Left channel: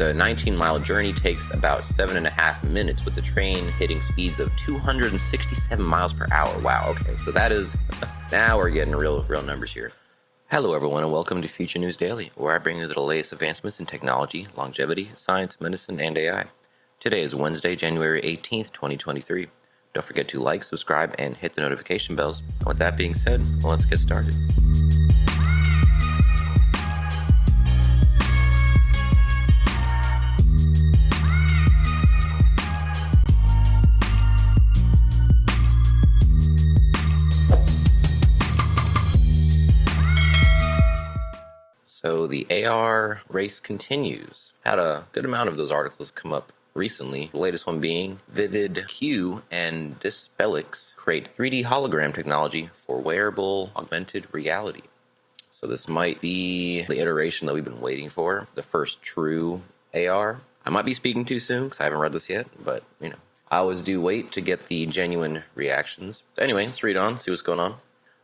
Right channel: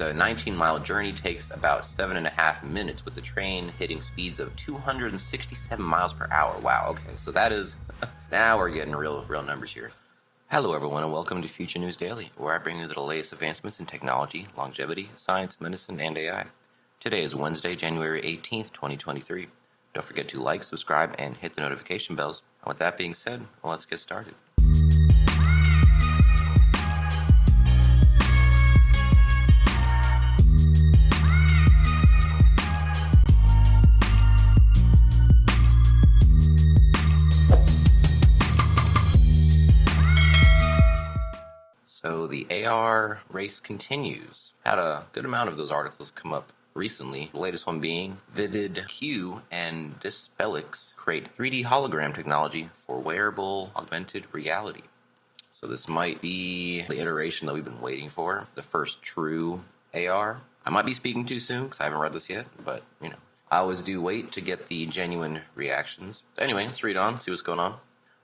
The 19-mile journey takes about 7.5 minutes, with the train hitting speeds of 267 miles per hour. Wow, okay, so that is, now we're getting real numbers here. Hello everyone, and welcome to Future News Daily, where I bring you the latest advancements in technology, longevity, science, medicine, and AI. Today is Wednesday, January 18th, 2023. Don't forget to like, subscribe, and hit the notification bells. With that being said, let's get started. So the AR race continues. Had a good amount of those articles come up recently. The latest one being Vivid Q and Dispelix create 3D hologram technology for wearable augmented reality. So this might be the iteration that we've been waiting for, the first true AR. I might be speaking too soon because I haven't read this yet, but I always do wait to get the genuine reactions. So anyway, let's read on, see what's going on.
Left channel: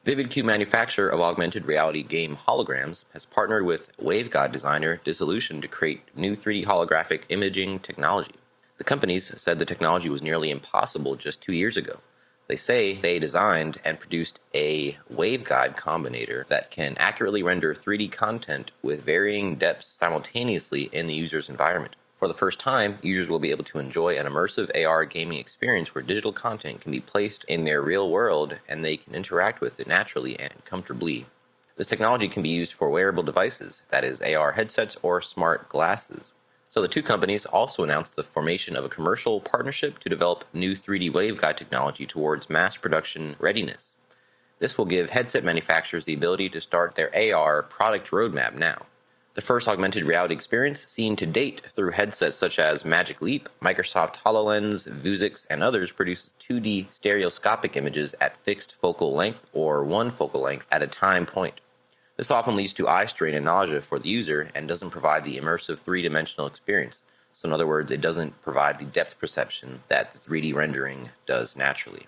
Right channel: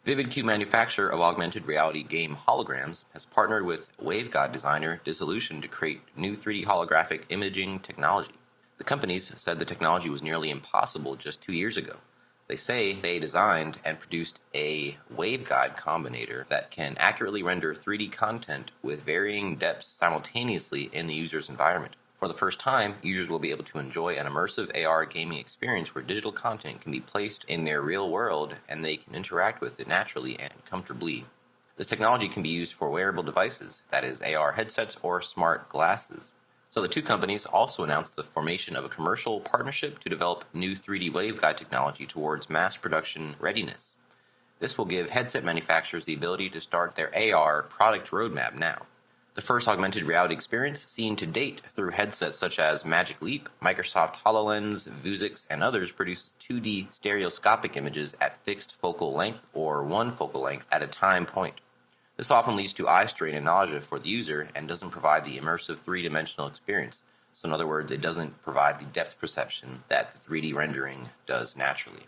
Vivid Q, manufacturer of augmented reality game Holograms, has partnered with waveguide designer Dissolution to create new 3D holographic imaging technology. The companies said the technology was nearly impossible just 2 years ago. They say they designed and produced a waveguide combinator that can accurately render 3D content with varying depths simultaneously in the user's environment. For the first time, users will be able to enjoy an immersive AR gaming experience where digital content can be placed in their real world and they can interact with it naturally and comfortably. This technology can be used for wearable devices, that is, AR headsets or smart glasses. So the two companies also announced the formation of a commercial partnership to develop new 3D waveguide technology towards mass production readiness. This will give headset manufacturers the ability to start their AR product roadmap now. The first augmented reality experience seen to date through headsets such as Maglev, Microsoft HoloLens, Vuzix, and others produces 2D stereoscopic images at fixed focal length or one focal length at a time point. This often leads to eye strain and nausea for the user and doesn't provide the immersive three-dimensional experience. So in other words, it doesn't provide the depth perception that the 3D rendering does naturally.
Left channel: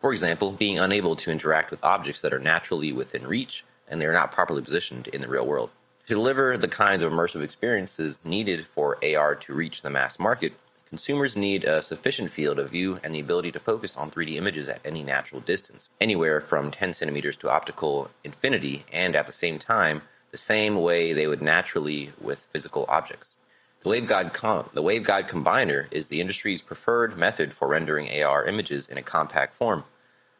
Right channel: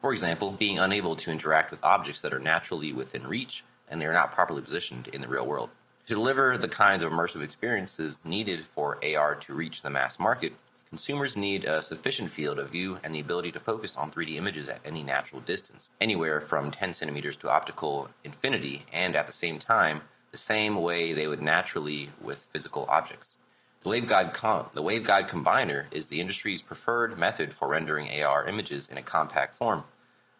For example, being unable to interact with objects that are naturally within reach and they are not properly positioned in the real world. To deliver the kinds of immersive experiences needed for AR to reach the mass market, consumers need a sufficient field of view and the ability to focus on 3D images at any natural distance, anywhere from 10 centimeters to optical infinity, and at the same time, the same way they would naturally with physical objects. The waveguide combiner is the industry's preferred method for rendering AR images in a compact form.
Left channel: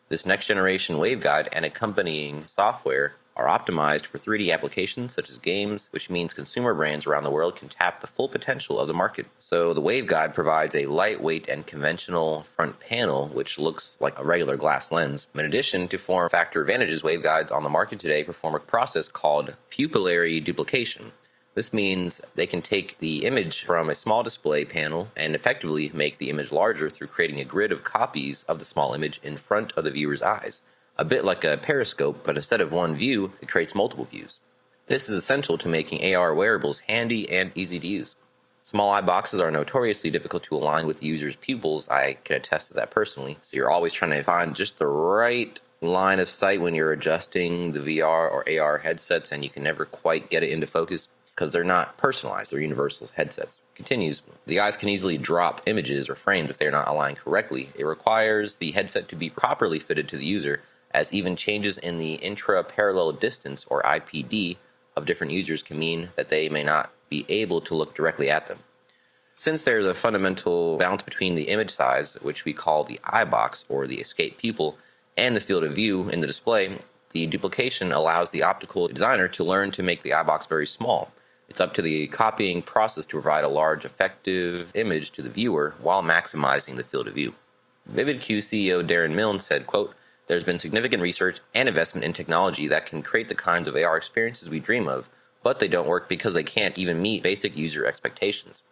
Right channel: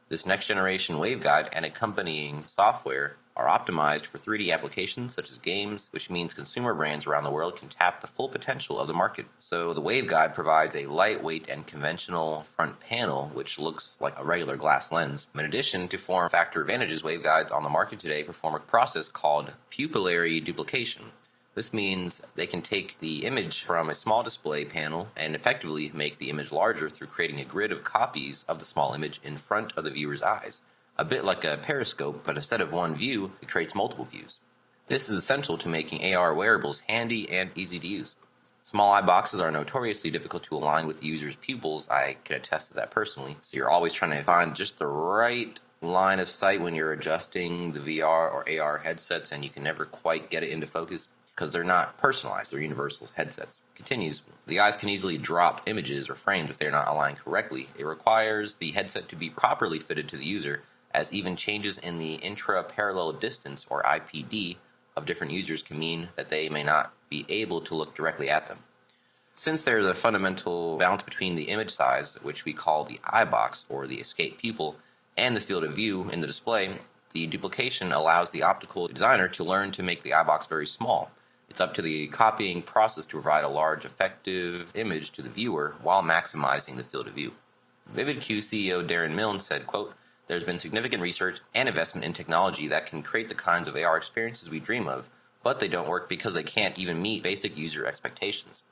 This next-generation waveguide and accompanying software are optimized for 3D applications such as games, which means consumer brands around the world can tap the full potential of the market. So the waveguide provides a lightweight and conventional front panel, which looks like a regular glass lens. In addition to form factor advantages, waveguides on the market today perform a process called pupillary duplication. This means they can take the image from a small display panel and effectively make the image larger through creating a grid of copies of the small image in front of the viewer's eyes. A bit like a periscope, but instead of one view, it creates multiple views. This is essential to making AR wearables handy and easy to use. Small eye boxes are notoriously difficult to align with the user's pupils. I can attest to that personally. So you're always trying to find just the right line of sight when you're adjusting the VR or AR headsets, and you can never quite get it into focus because they're not personalized, they're universal headsets. Continues, the eyes can easily drop images or frames if they're not aligned correctly. It requires the headset to be properly fitted to the user, as even changes in the intra-parallel distance, or IPD, of different users can mean that they may not be able to look directly at them. Since there is a fundamental balance between the image size, which we call the eye box or the escape pupil, and the field of view in the display, the duplication allows the optical designer to learn to make the eye box very small. It's up to the copying process to provide a large, effective image to the viewer while maximizing the field of view. Vivid Q CEO Darren Milne said, quote, "There's been significant research and investment in technology that can create the kinds of AR experiences we dream of, but they don't work because they can't even meet basic user expectations."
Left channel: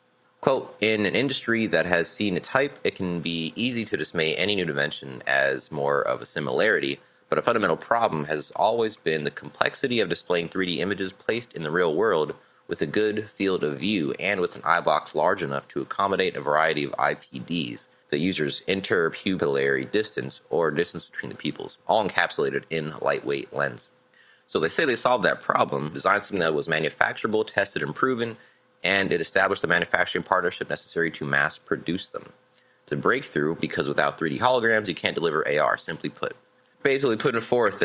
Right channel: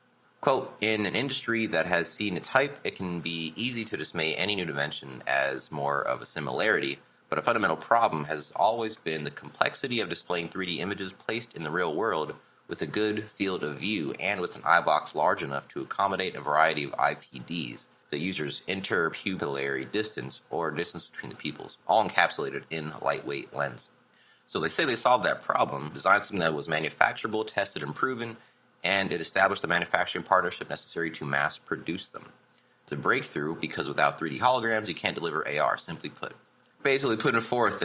Quote, "In an industry that has seen its hype, it can be easy to dismay any new invention as more of a similarity, but a fundamental problem has always been the complexity of displaying 3D images placed in the real world with a good field of view and with an eye box large enough to accommodate a variety of IPDs, the user's interpupillary distance or distance between the pupils, all encapsulated in a lightweight lens. So they say they solved that problem, designed something that was manufacturable, tested, and proven, and it established the manufacturing partnership necessary to mass produce them. It's a breakthrough because without 3D holograms, you can't deliver AR, simply put. Basically putting forth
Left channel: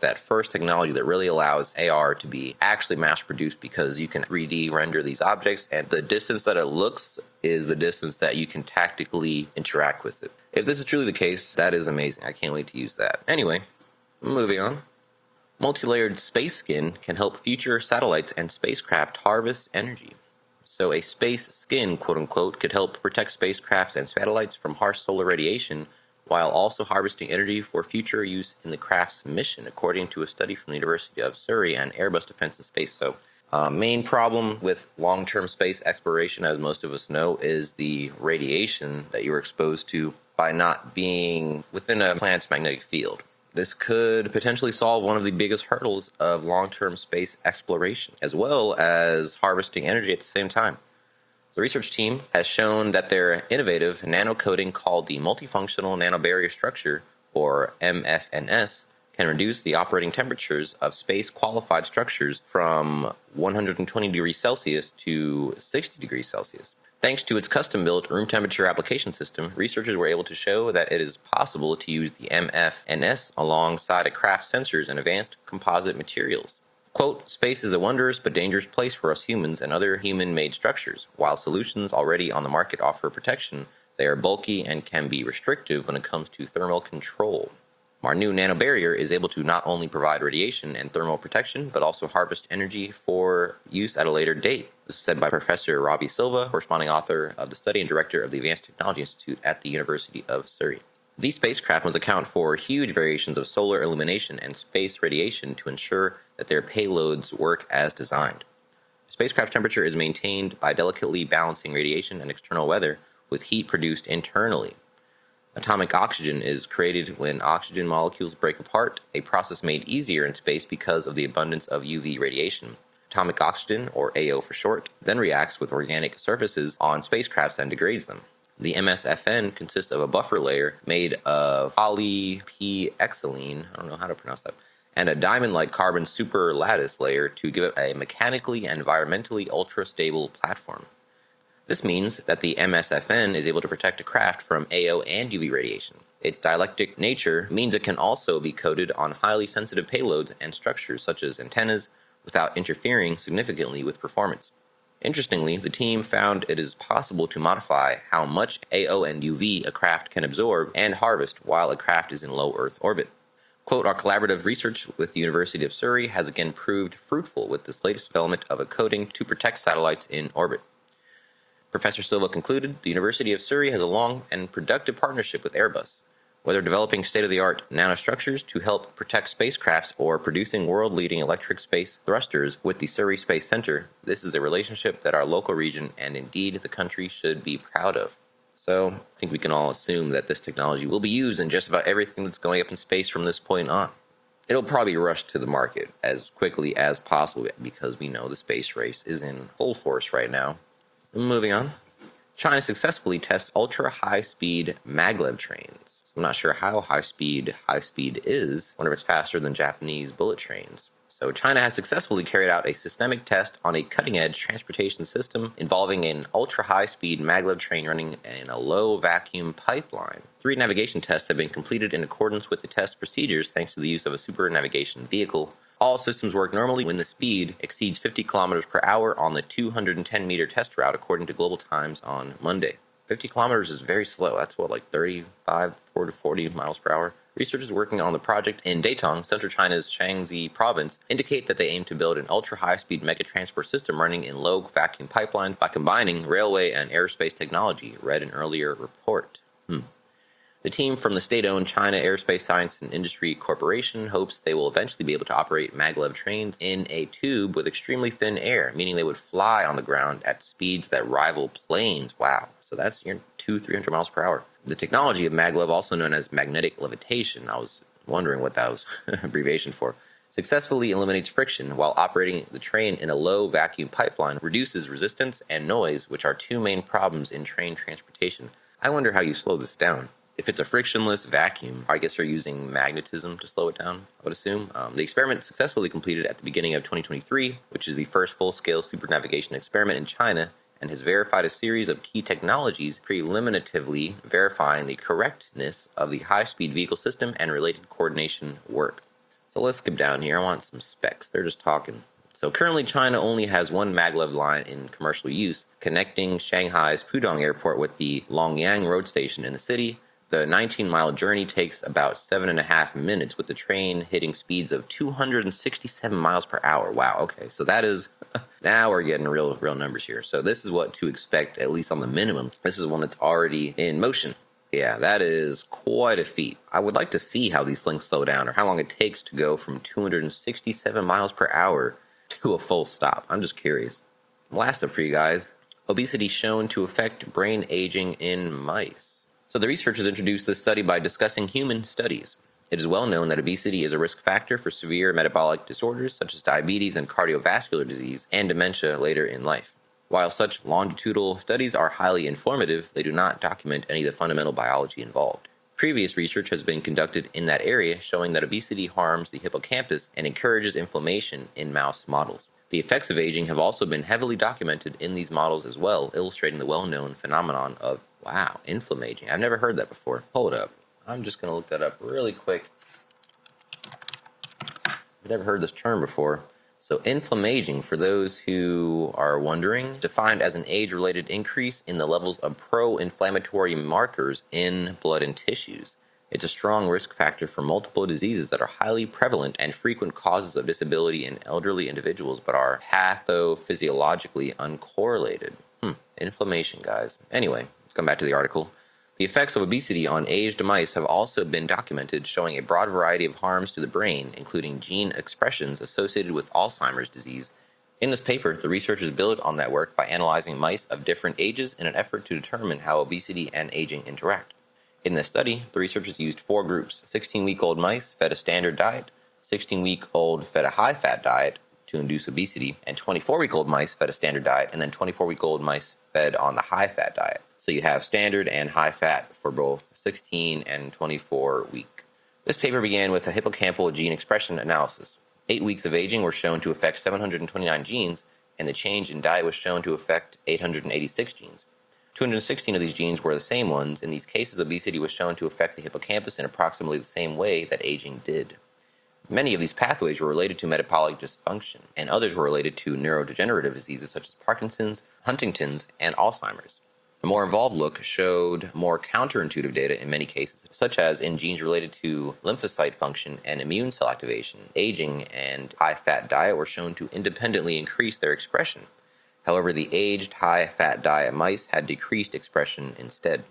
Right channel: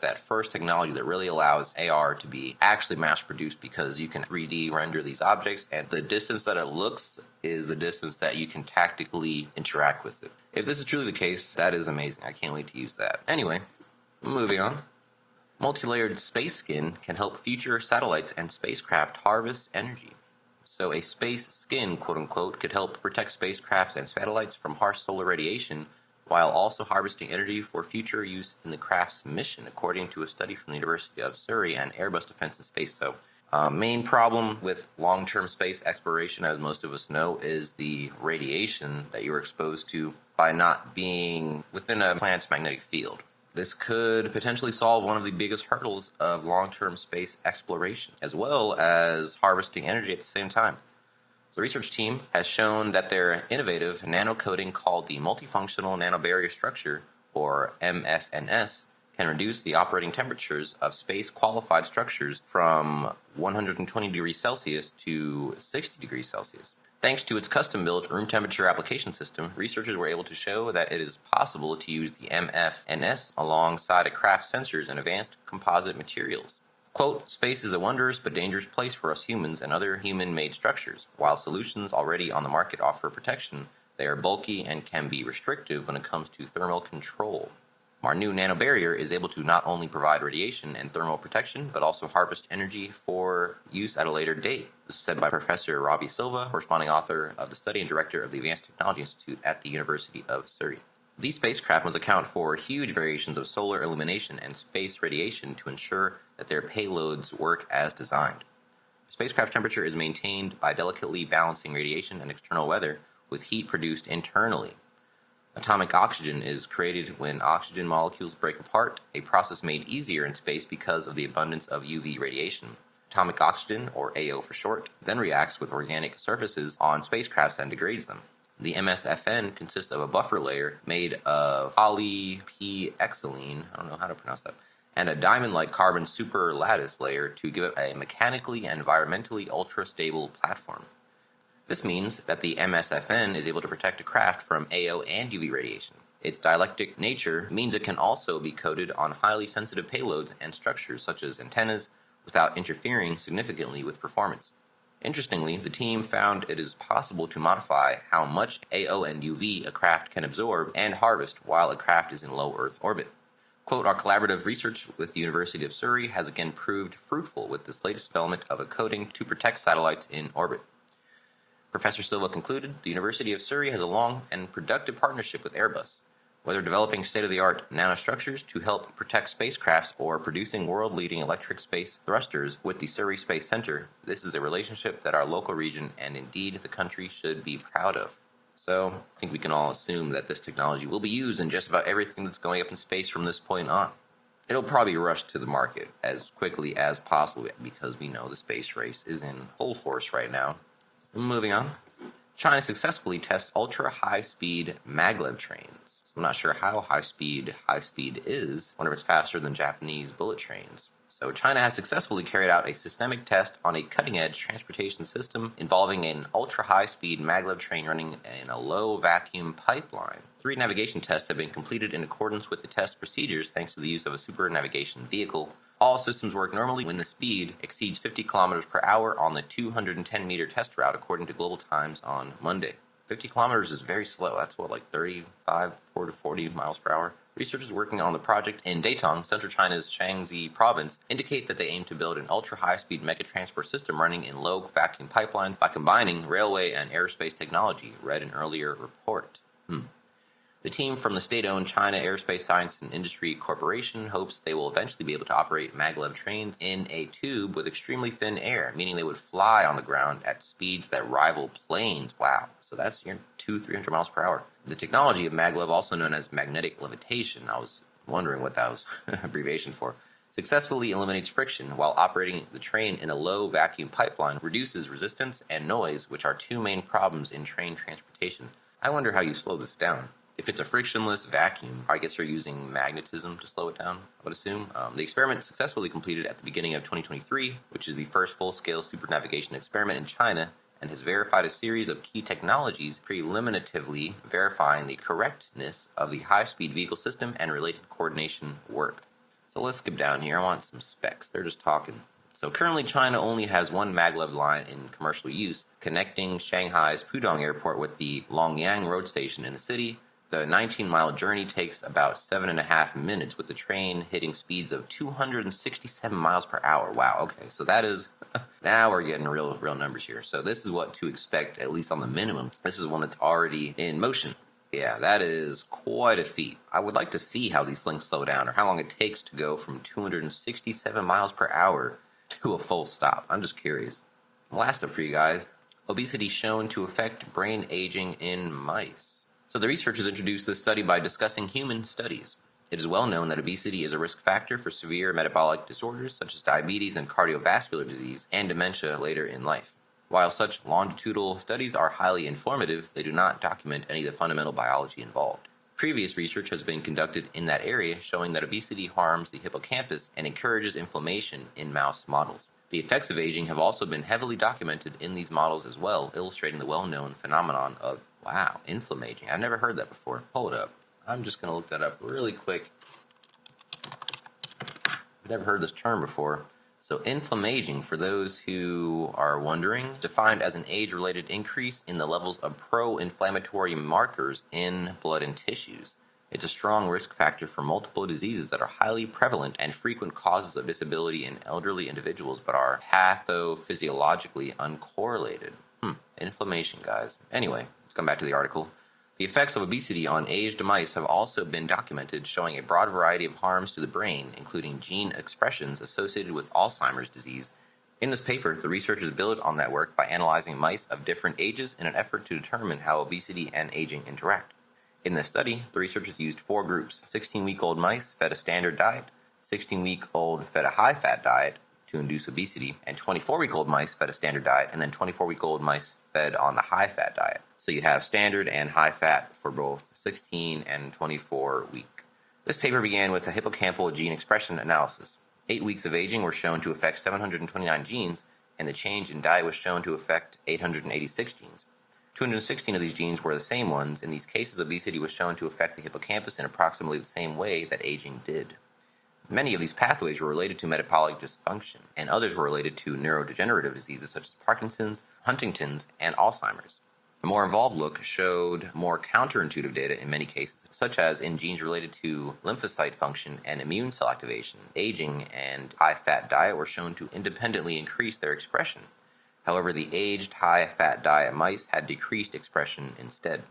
that first technology that really allows AR to be actually mass produced, because you can 3D render these objects and the distance that it looks is the distance that you can tactically interact with it. If this is truly the case, that is amazing. I can't wait to use that. Anyway, moving on. Multi-layered space skin can help future satellites and spacecraft harvest energy. So a space skin, quote unquote, could help protect spacecrafts and satellites from harsh solar radiation while also harvesting energy for future use in the craft's mission, according to a study from the University of Surrey and Airbus Defence and Space. So, main problem with long-term space exploration, as most of us know, is the radiation that you're exposed to by not being within a planet's magnetic field. This could potentially solve one of the biggest hurdles of long-term space exploration, as well as harvesting energy at the same time. The research team has shown that their innovative nanocoating called the multifunctional nanobarrier structure, or MFNS, can reduce the operating temperatures of space-qualified structures from 120 degrees Celsius to 60 degrees Celsius. Thanks to its custom-built room temperature application system, researchers were able to show that it is possible to use the MFNS alongside a craft's sensors and advanced composite materials. Quote, space is a wondrous but dangerous place for us humans and other human-made structures. While solutions already on the market offer protection, they are bulky and can be restrictive when it comes to thermal control. Our new nanobarrier is able to not only provide radiation and thermal protection, but also harvest energy for use at a later date. This is said by Professor Robbie Silva, corresponding author of the study and director of the Advanced Technology Institute at the University of Surrey. These spacecraft must account for huge variations of solar illumination and space radiation to ensure that their payloads work as designed. Spacecraft temperature is maintained by delicately balancing radiation and external weather with heat produced internally. Atomic oxygen is created when oxygen molecules break apart, a process made easier in space because of the abundance of UV radiation. Atomic oxygen, or AO for short, then reacts with organic surfaces on spacecrafts and degrades them. The MSFN consists of a buffer layer made of polyphenylene, I don't know how to pronounce that, and a diamond-like carbon superlattice layer to give it a mechanically and environmentally ultra-stable platform. This means that the MSFN is able to protect a craft from AO and UV radiation. Its dielectric nature means it can also be coated on highly sensitive payloads and structures such as antennas without interfering significantly with performance. Interestingly, the team found it is possible to modify how much AO and UV a craft can absorb and harvest while a craft is in low Earth orbit. Quote, our collaborative research with the University of Surrey has again proved fruitful with this latest development of a coating to protect satellites in orbit. Professor Silva concluded, the University of Surrey has a long and productive partnership with Airbus. Whether developing state-of-the-art nanostructures to help protect spacecrafts or producing world-leading electric space thrusters with the Surrey Space Center, this is a relationship that our local region and indeed the country should be proud of. So, I think we can all assume that this technology will be used in just about everything that's going up in space from this point on. It'll probably rush to the market as quickly as possible because we know the space race is in full force right now. Moving on. China successfully tests ultra-high-speed maglev trains. I'm not sure how high-speed is. I wonder if it's faster than Japanese bullet trains. So China has successfully carried out a systemic test on a cutting-edge transportation system involving an ultra-high-speed maglev train running in a low-vacuum pipeline. 3 navigation tests have been completed in accordance with the test procedures thanks to the use of a super navigation vehicle. All systems work normally when the speed exceeds 50 kilometers per hour on the 210-meter test route according to global times on Monday. 50 kilometers is very slow. That's what, like 35, 40 miles per hour? Researchers working on the project in Datong, central China's Shaanxi province, indicate that they aim to build an ultra-high-speed mega-transport system running in low-vacuum pipeline by combining railway and aerospace technology, read an earlier report. The team from the state-owned China Aerospace Science and Industry Corporation hopes they will eventually be able to operate maglev trains in a tube with extremely thin air, meaning they would fly on the ground at speeds that rival planes. Wow. So that's 200-300 miles per hour. The technology of maglev, also known as magnetic levitation, I was wondering what that was abbreviation for, successfully eliminates friction while operating the train in a low vacuum pipeline, reduces resistance and noise, which are 2 main problems in train transportation. I wonder how you slow this down. If it's a frictionless vacuum, I guess they're using magnetism to slow it down, I would assume. The experiment successfully completed at the beginning of 2023, which is the first full-scale supernavigation experiment in China, and has verified a series of key technologies preliminatively verifying the correctness of the high-speed vehicle system and related coordination work. So let's skip down here. I want some specs. They're just talking. So currently China only has one maglev line in commercial use, connecting Shanghai's Pudong Airport with the Longyang road station in the city. The 19-mile journey takes about 7.5 minutes, with the train hitting speeds of 267 miles per hour. Wow, okay, so that is, now we're getting real numbers here. So this is what to expect, at least on the minimum. This is one that's already in motion. Yeah, that is quite a feat. I would like to see how these things slow down, or how long it takes to go from 267 miles per hour to a full stop. I'm just curious. Last up for you guys, obesity shown to affect brain aging in mice. So the researchers introduced this study by discussing human studies. It is well known that obesity is a risk factor for severe metabolic disorders such as diabetes and cardiovascular disease and dementia later in life. While such longitudinal studies are highly informative, they do not document any of the fundamental biology involved. Previous research has been conducted in that area showing that obesity harms the hippocampus and encourages inflammation in mouse models. The effects of aging have also been heavily documented in these models as well, illustrating the well-known phenomenon of, wow, inflammation. I've never heard that before. Hold up. I'm just going to look that up really quick. I've never heard this term before. So inflammation, for those who are wondering, defined as an age-related increase in the levels of pro-inflammatory markers in blood and tissues. It's a strong risk factor for multiple diseases that are highly prevalent and frequent causes of disability in elderly individuals, but are pathophysiologically uncorrelated. Inflammation, guys. Anyway, let's come back to the article. The effects of obesity on aged mice have also been documented, showing a broad variety of harms to the brain, including gene expressions associated with Alzheimer's disease. In this paper, the researchers build on that work by analyzing mice of different ages in an effort to determine how obesity and aging interact. In this study, the researchers used 4 groups. 16-week-old mice fed a standard diet, 16-week-old fed a high-fat diet to induce obesity, and 24-week-old mice fed a standard diet, and then 24-week-old mice fed on the high-fat diet. So you have standard and high-fat for both 16 and 24 week. This paper began with a hippocampal gene expression analysis. 8 weeks of aging were shown to affect 729 genes, and the change in diet was shown to affect 886 genes. 216 of these genes were the same ones. In these cases, obesity was shown to affect the hippocampus in approximately the same way that aging did. Many of these pathways were related to metabolic dysfunction, and others were related to neurodegenerative diseases such as Parkinson's, Huntington's, and Alzheimer's. A more involved look showed more counterintuitive data in many cases, such as in genes related to lymphocyte function and immune cell activation. Aging and high-fat diet were shown to independently increase their expression. However, the aged high-fat diet mice had decreased expression instead.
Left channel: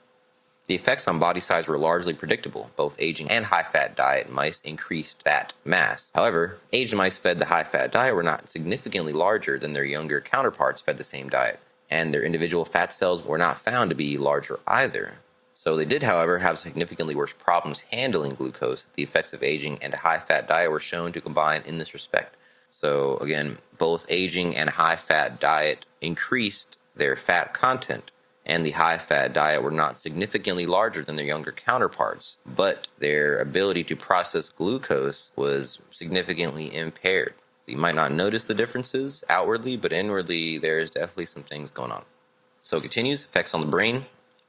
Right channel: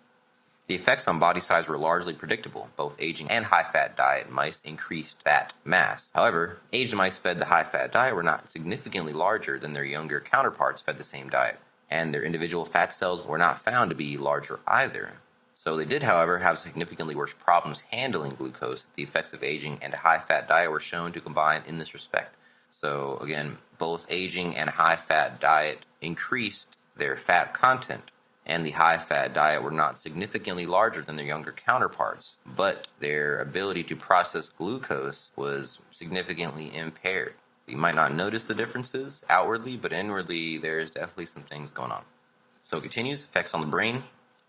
The effects on body size were largely predictable. Both aging and high-fat diet mice increased fat mass. However, aged mice fed the high-fat diet were not significantly larger than their younger counterparts fed the same diet, and their individual fat cells were not found to be larger either. So they did, however, have significantly worse problems handling glucose. The effects of aging and a high-fat diet were shown to combine in this respect. So again, both aging and high-fat diet increased their fat content, and the high-fat diet were not significantly larger than their younger counterparts, but their ability to process glucose was significantly impaired. You might not notice the differences outwardly, but inwardly there's definitely some things going on. So it continues, effects on the brain.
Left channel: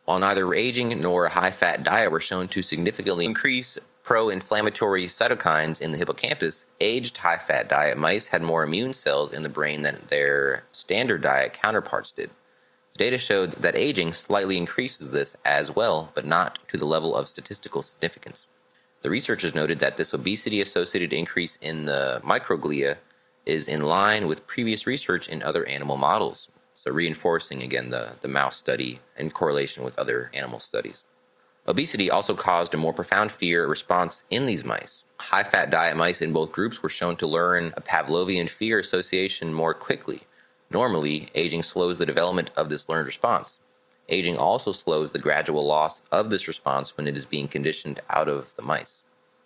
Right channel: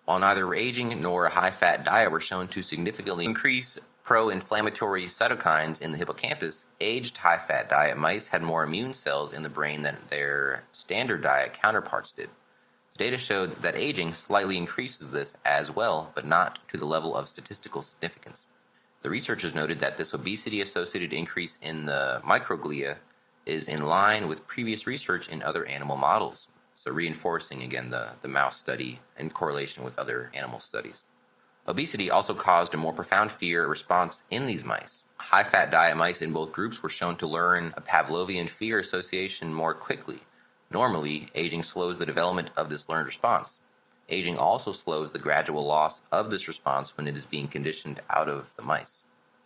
While neither aging nor a high-fat diet were shown to significantly increase pro-inflammatory cytokines in the hippocampus, aged high-fat diet mice had more immune cells in the brain than their standard diet counterparts did. The data showed that aging slightly increases this as well, but not to the level of statistical significance. The researchers noted that this obesity-associated increase in the microglia is in line with previous research in other animal models, so reinforcing again the mouse study in correlation with other animal studies. Obesity also caused a more profound fear response in these mice. High-fat diet mice in both groups were shown to learn a Pavlovian fear association more quickly. Normally, aging slows the development of this learned response. Aging also slows the gradual loss of this response when it is being conditioned out of the mice.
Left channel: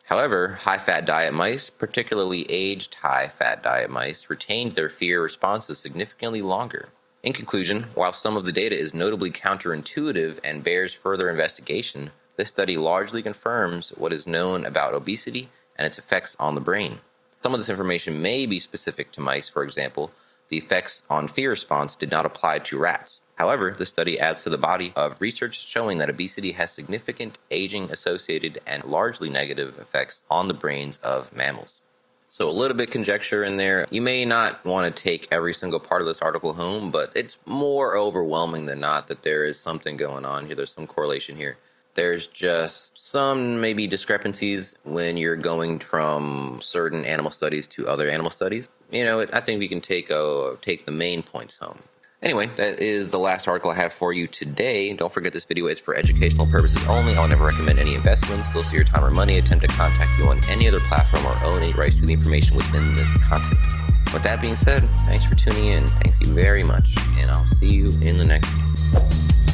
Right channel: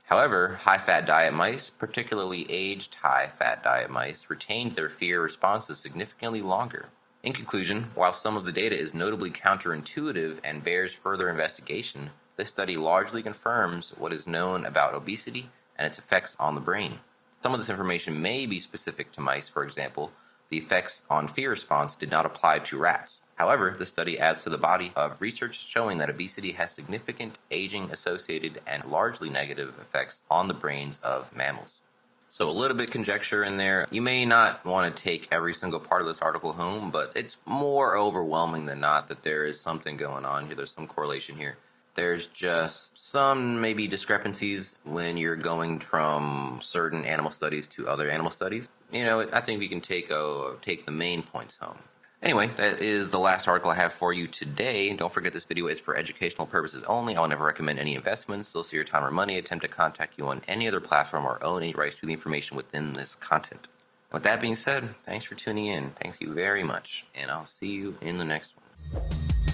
However, high-fat diet mice, particularly aged high-fat diet mice, retained their fear responses significantly longer. In conclusion, while some of the data is notably counterintuitive and bears further investigation, This study largely confirms what is known about obesity and its effects on the brain. Some of this information may be specific to mice. For example, the effects on fear response did not apply to rats. However, the study adds to the body of research showing that obesity has significant aging-associated and largely negative effects on the brains of mammals. So a little bit conjecture in there. You may not want to take every single part of this article home, but it's more overwhelming than not that there is something going on here. There's some correlation here. There's just some maybe discrepancies when you're going from certain animal studies to other animal studies. I think we can take the main points home. Anyway, that is the last article I have for you today. Don't forget this video is for educational purposes only. I'll never recommend any investments. They'll see your time or money, attempt to contact you on any other platform, or own any rights to the information within this content. With that being said, thanks for tuning in. Thank you very much, and I'll see you in the next one.